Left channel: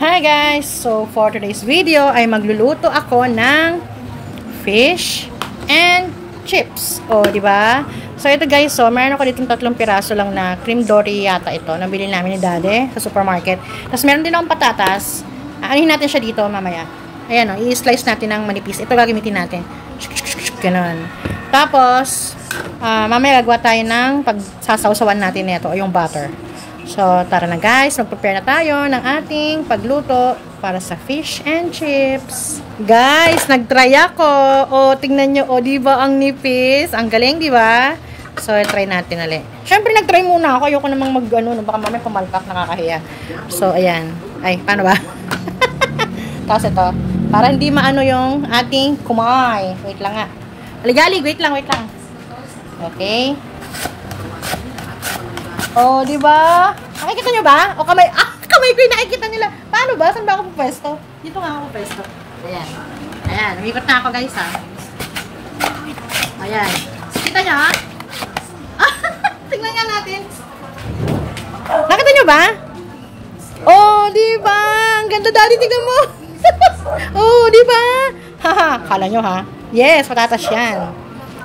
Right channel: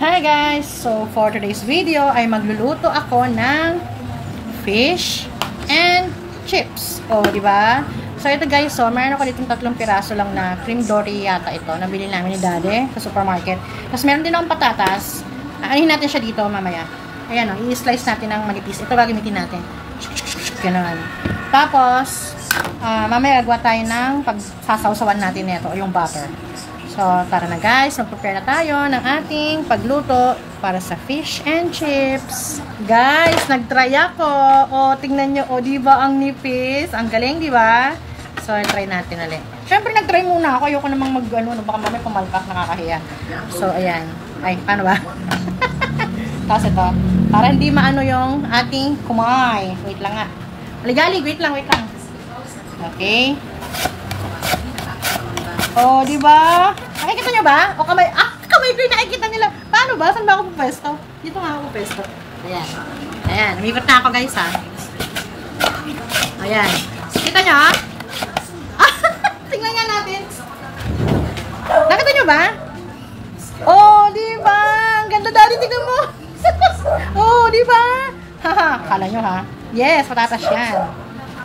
Hi guys! So for today's video ay magluluto ako ng fish and chips. O, di ba? So ito guys, so meron ako ditong 3 piraso lang na cream dory yata ito. Nabili namin ni Daddy sa supermarket. Tapos meron din akong patatas. Anuhin natin siya dito mamaya. Ayan o, i-slice natin ng manipis. Ito gagamitin natin. Ganun. Tapos, mamaya gagawa tayo ng pagsasawsawan natin nito o yung butter. So, tara na guys, mag-prepare na tayo ng ating pagluto para sa fish and chips. Guys, nag-try ako. O, tingnan nyo, o, diba ang nipis? Ang galing, diba? So, try natin ulit. Siyempre, nag-try muna ako. Ayoko namang mag-ano, baka mamaya pumalpak, nakakahiya. So, ayan. Ay, paano ba? Tapos ito, para hindi maano yung ating kumay. Wait lang nga. Aligalig, wait lang. Okay. Oh, di ba? Nakikita nyo ba? O kamay, kamay ko yung nakikita nila. Paano ba? Saan ba ako pupesto? Dito nga ako pupesto. Ayan. Ayan, umikot na ako guys ha. Ayan. Kita nyo ha? Tingnan nga natin. Nakita nyo ba? Oh, di ba? Ang ganda daddy, tingnan mo. Oh, di ba? Haha, kala nyo ha? Yes, patatas yan.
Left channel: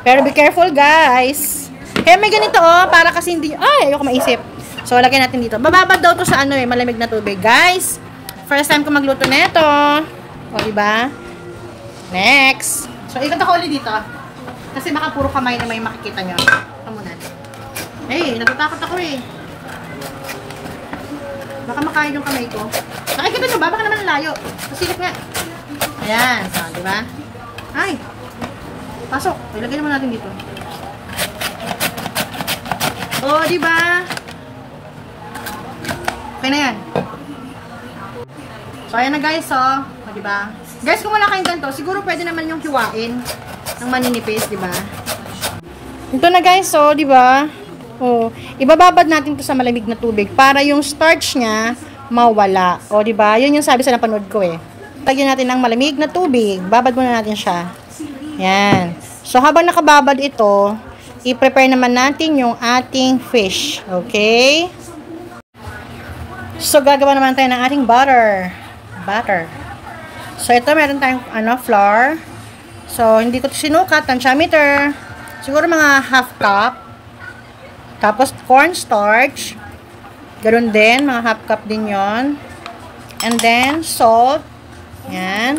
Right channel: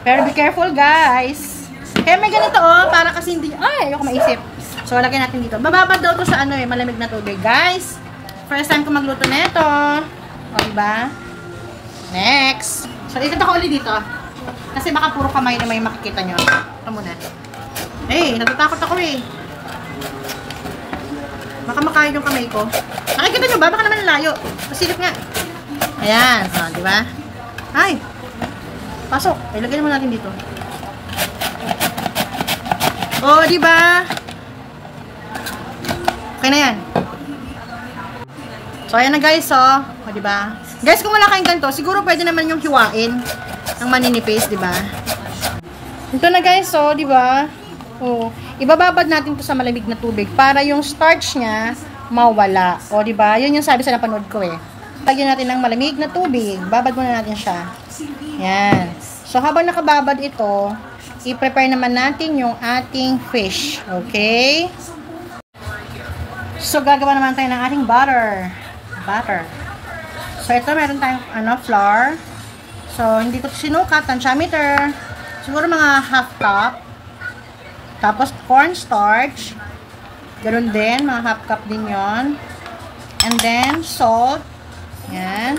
Pero be careful guys. Kaya may ganito oh, para kasi hindi, ayoko maisip. So, lagyan natin dito. Bababad daw to sa malamig na tubig. Guys, first time ko magluto nito. O, diba? Next. So, ikot ako ulit dito. Kasi baka puro kamay na may makikita nyo. Ito muna. Eh, natatakot ako eh. Baka makain yung kamay ko. Nakikita nyo ba? Baka naman layo. Pasilip nga. Ayan. So, diba? Ay. Pasok. Ay, lagyan mo natin dito. Oh, di ba? Okay na yan. So, ayan na guys, oh. Oh, di ba? Guys, kung wala kayong ganito, siguro pwede naman yung hiwain ng maninipis, di ba? Ito na guys, oh, di ba? Oh, ibababad natin to sa malamig na tubig para yung starch niya mawala. Oh, di ba? Yun yung sabi sa napanood ko eh. Lagyan natin ng malamig na tubig. Babad muna natin siya. Yan. So, habang nakababad ito, i-prepare naman natin yung ating fish. Okay? So, gagawa naman tayo ng ating butter. So, ito meron tayong flour. So, hindi ko sinukat. Tansyameter. Siguro mga half cup. Tapos, cornstarch. Ganun din. Mga half cup din yon. And then, salt. Yan.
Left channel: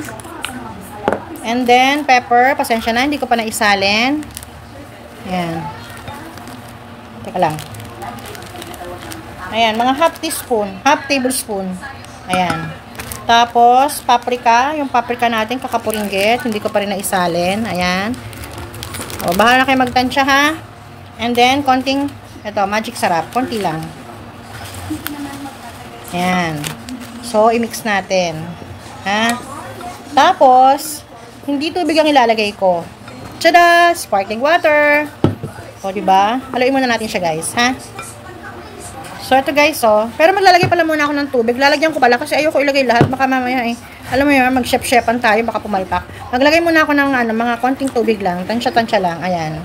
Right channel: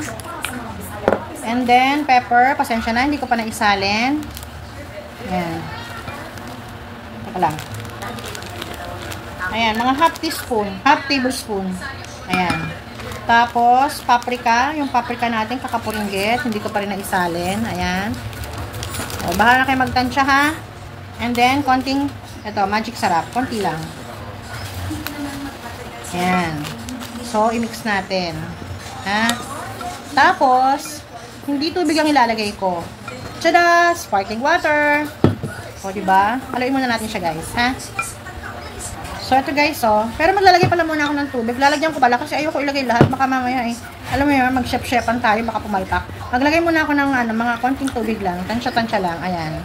And then, pepper. Pasensya na. Hindi ko pa naisalin. Ayan. Teka lang. Ayan, mga half tablespoon. Ayan. Tapos, paprika. Yung paprika natin, kakapuringgit. Hindi ko pa rin naisalin. Ayan. O, bahala na kayo magtansya, ha? And then, konting, ito, magic sarap. Konti lang. Ayan. So, i-mix natin. Ha? Tapos, hindi tubig ang ilalagay ko. Tada! Sparkling water. O, diba? Haluin muna natin siya, guys. Ha? So, ito, guys, oh. Pero maglalagay pala muna ako ng tubig. Lalagyan ko pala kasi ayoko ilagay lahat. Baka mamaya, alam mo yun, mag-chef-chefan tayo. Baka pumalpak. Maglagay muna ako ng, mga konting tubig lang. Tansya-tansya lang. Ayan.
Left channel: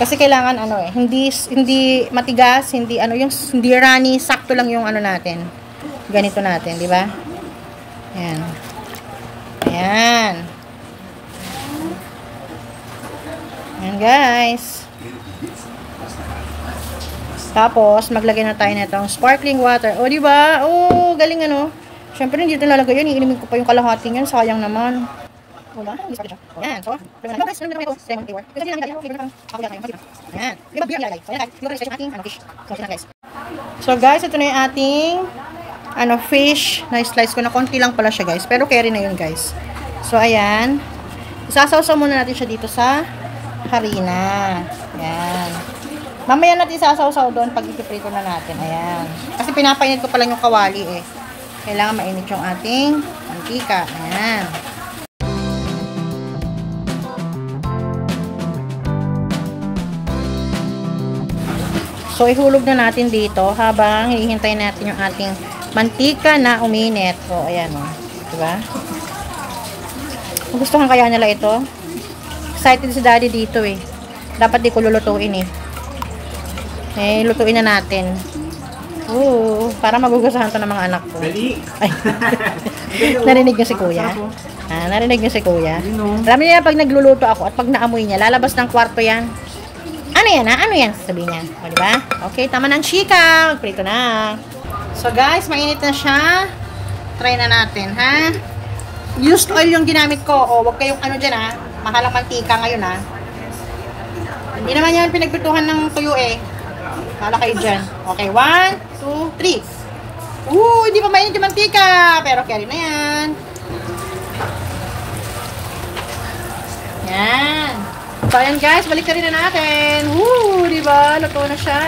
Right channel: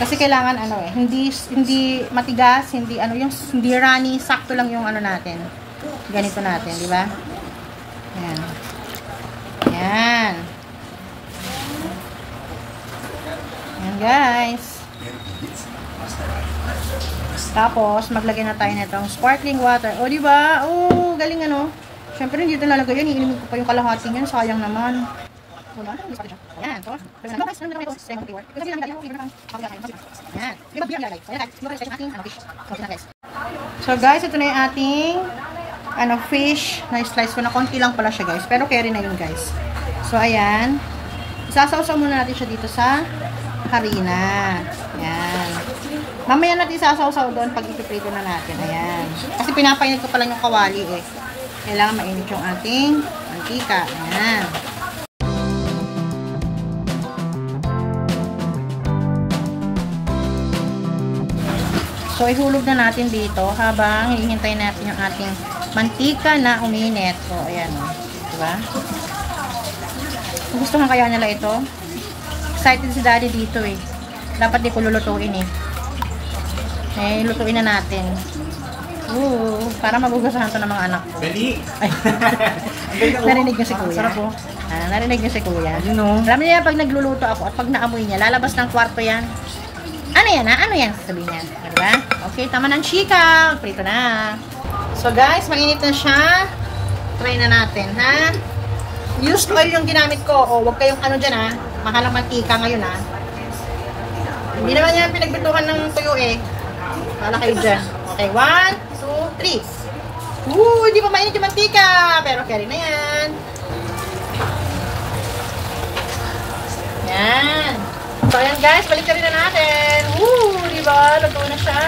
Kasi kailangan, hindi matigas, hindi runny. Sakto lang yung, natin. Ganito natin, diba? Ayan. Ayan. Ayan guys. Tapos, maglagay na tayo nitong sparkling water. O, diba? O, galing Siyempre, hindi ito lalagay yun. Iinimin ko pa yung kalahating yun. Sayang naman. Diba? Ayan. So, guys, naman ito. Ayan. So, guys, ito na yung ating fish. Na-slice ko na. Konti lang pala siya, guys. Pero carry na yun, guys. So, ayan. Isasawsaw muna natin siya dito sa harina. Ayan. Mamaya natin sasawsaw doon pag ipiprito na natin. Ayan. Kasi pinapainit ko pala yung kawali eh. Kailangan mainit yung ating mantika. Ayan. So, ihulog na natin dito habang hihintay natin yung ating mantika na uminit. So, ayan o. Diba? Gustuhan kaya nila ito? Excited si daddy dito eh. Dapat di ko lulutuin eh. Lutuin na natin. Oo, para magugustuhan to ng mga anak ko. Ay. Narinig niyo si kuya? Narinig niyo si kuya? Alam niya pag nagluluto ako at pag naamoy niya, lalabas ng kwarto yan. Ano yan ha? Ano yan? Sabi niya. O, diba? Okay, tama ng chika. Prito na. So guys, mainit na siya. Try na natin, ha? Used oil yung ginamit ko. O, wag kayong ano dyan, ha? Mahalang mantika ngayon, ha? Hindi naman yan pinagbituhan ng tuyo, eh. Pala kayo dyan. Okay, 1, 2, 3. Hindi pa mainit yung mantika. Pero carry na yan. Yan. So, ayan guys, balik na rin na natin. Diba? Luto na siya.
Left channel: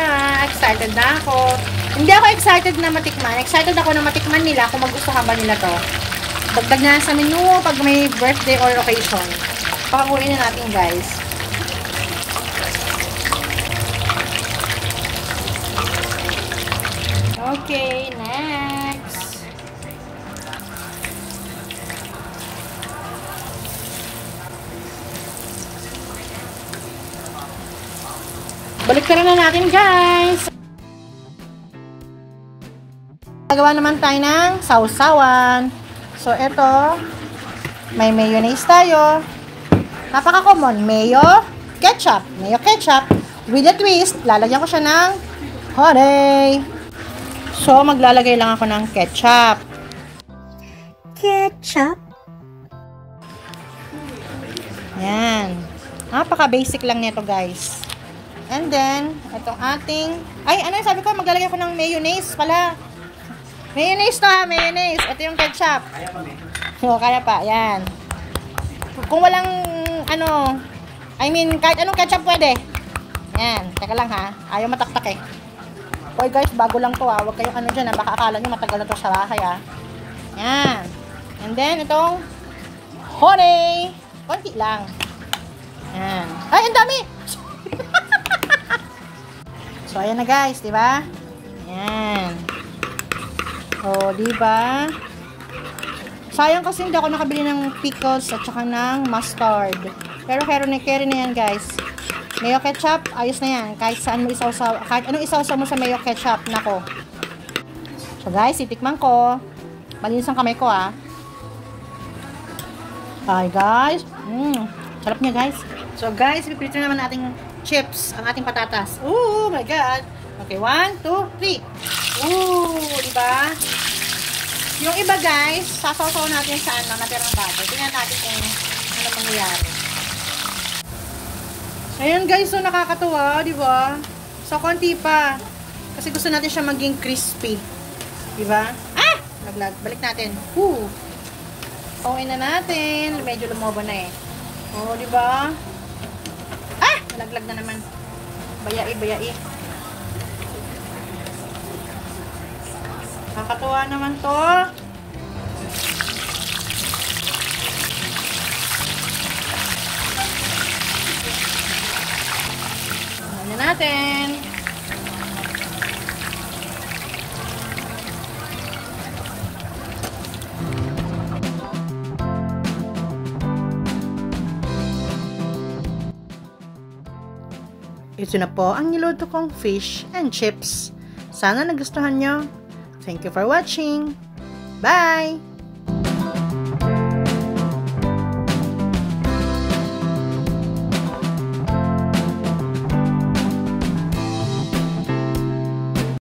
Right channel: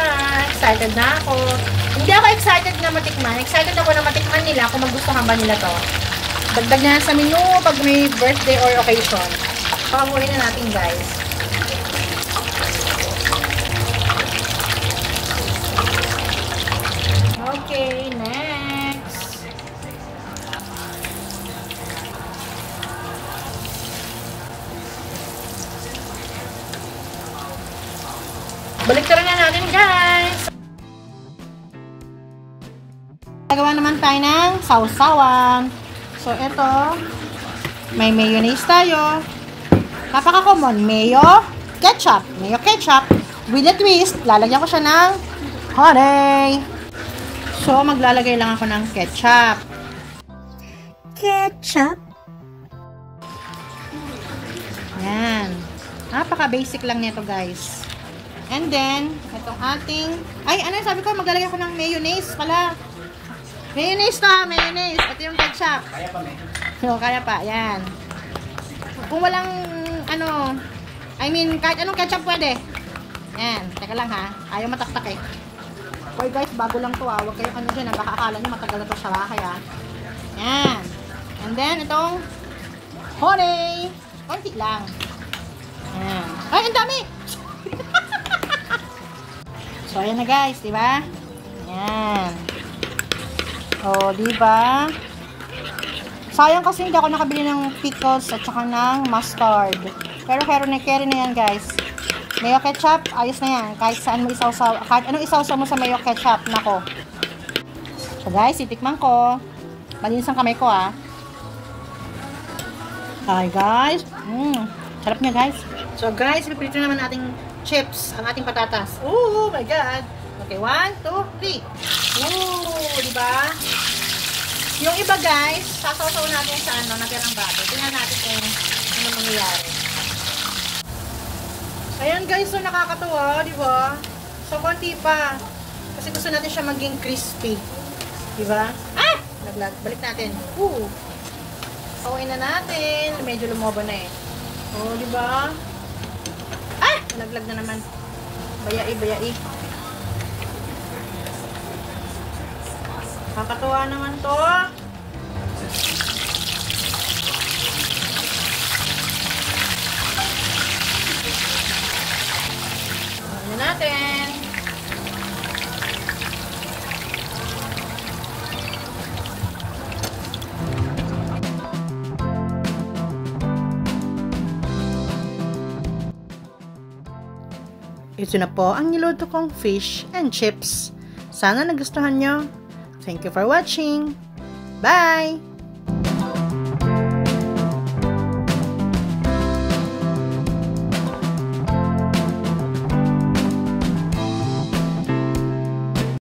Excited na ako. Hindi ako excited na matikman. Excited ako na matikman nila kung magustuhan ba nila to. Dagdag na sa menu pag may birthday or occasion. Pakakuhin na natin guys. Okay, next. Balik na natin guys. Nagawa naman tayo ng sausawan. So, ito, may mayonnaise tayo. Napaka-common. Mayo, ketchup. Mayo, ketchup. With a twist, lalagyan ko siya ng honey. So, maglalagay lang ako ng ketchup. Ketchup. Yan. Napaka-basic lang nito, guys. And then, itong ating... Ay, ano yung sabi ko? Maglalagay ako ng mayonnaise pala. Mayonnaise to, mayonnaise. Ito yung ketchup. Kaya pa, kaya pa. Yan. Kung walang, ano, I mean, kahit anong ketchup pwede. Yan. Teka lang, ha. Ayaw mataktak, eh. Okay, guys, bago lang to, ha. Huwag kayong ano dyan, ha. Baka akala nyo matagal na to sa bahay, ha. Yan. And then, itong honey. Konti lang. Yan. Ay, ang dami! So, ayan na, guys. Diba? Yan. O, diba? Sayang kasi hindi ako nakabili ng pickles at saka ng mustard. Pero carry na yan, guys. Mayo ketchup, ayos na yan. Kahit saan mo isawsaw, kahit anong isawsaw mo sa mayo ketchup, nako. So, guys, itikman ko. Malinis ang kamay ko, ah. Hi, guys. Sarap niya, guys. So, guys, pipilitin naman nating chips, ang ating patatas. Oh my God. Okay, 1, 2, 3. Diba? Yung iba guys, sasaw-saw natin sa ano, natirang bago. Tingnan natin kung ano nangyayari. Ayan guys, so nakakatuwa, diba? So, konti pa. Kasi gusto natin siya maging crispy. Diba? Ah! Naglag. Balik natin. Pawin na natin. Medyo lumobo na eh. Oo, diba? Ah! Naglag na naman. Bayai. Nakakatuwa naman to. Ano natin? Ito na po ang niluto kong fish and chips. Sana nagustuhan nyo. Thank you for watching. Bye!